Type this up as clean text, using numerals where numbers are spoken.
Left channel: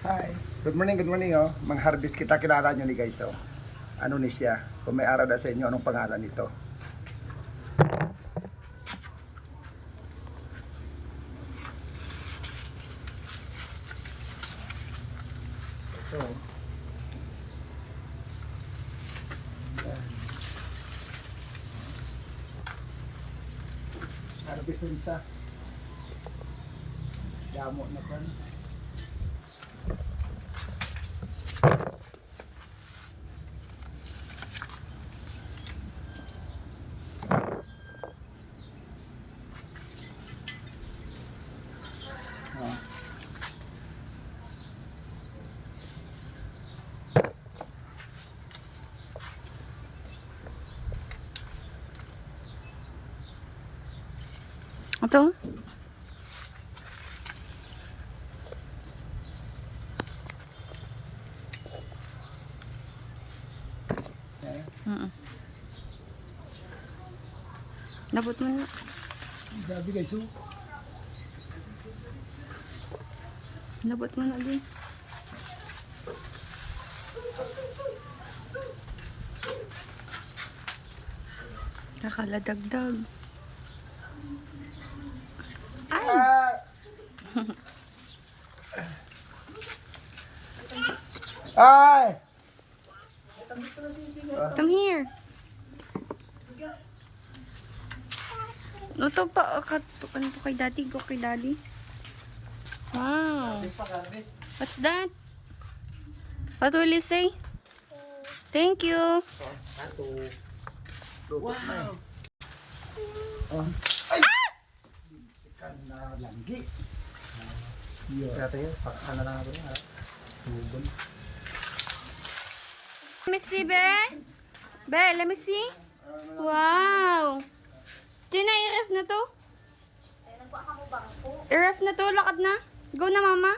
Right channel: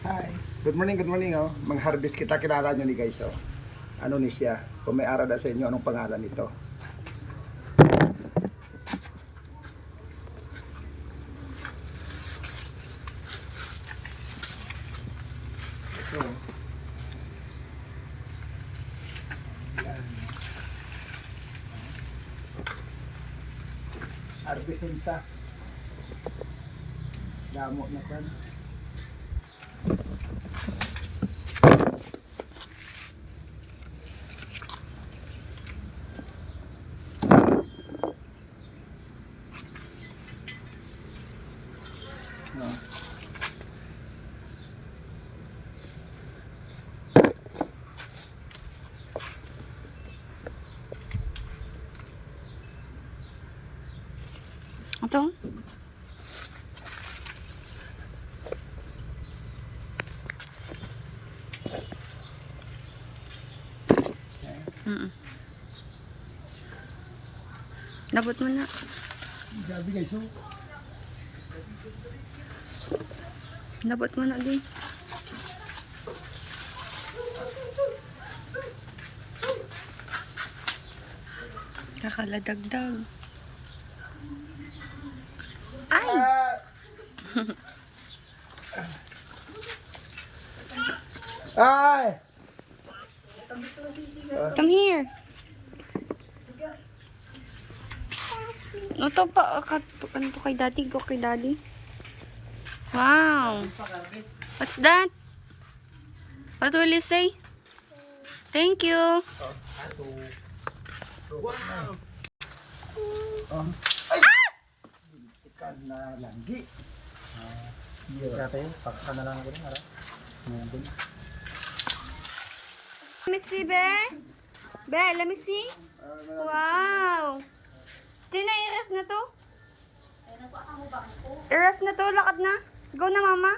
Hi. Good morning oh. Mang-harvest kita, kilala nyo ni guys oh. Ano ni siya? Kung may ara na sa inyo, anong pangalan nito? Ito. Yan. Harvesting ta. Damo na pa. No. Ito? Okay. Dapat mo na. Grabe guys oh. Dapat mo na di. Nakaladagdag. Ay! Hi! Come here. Ito pa, ano to kay daddy? Go kay daddy. Wow. What's that? What will you say? Thank you. Wow! Oh. Ay! Ikan na langgi. Kaya tayo, paksa na lang ako rin, harap. Hugon. Let me see, Be. Be, let me see. Wow. Tina, i-ref na to. I-ref na to, lakad na. Go na, mama.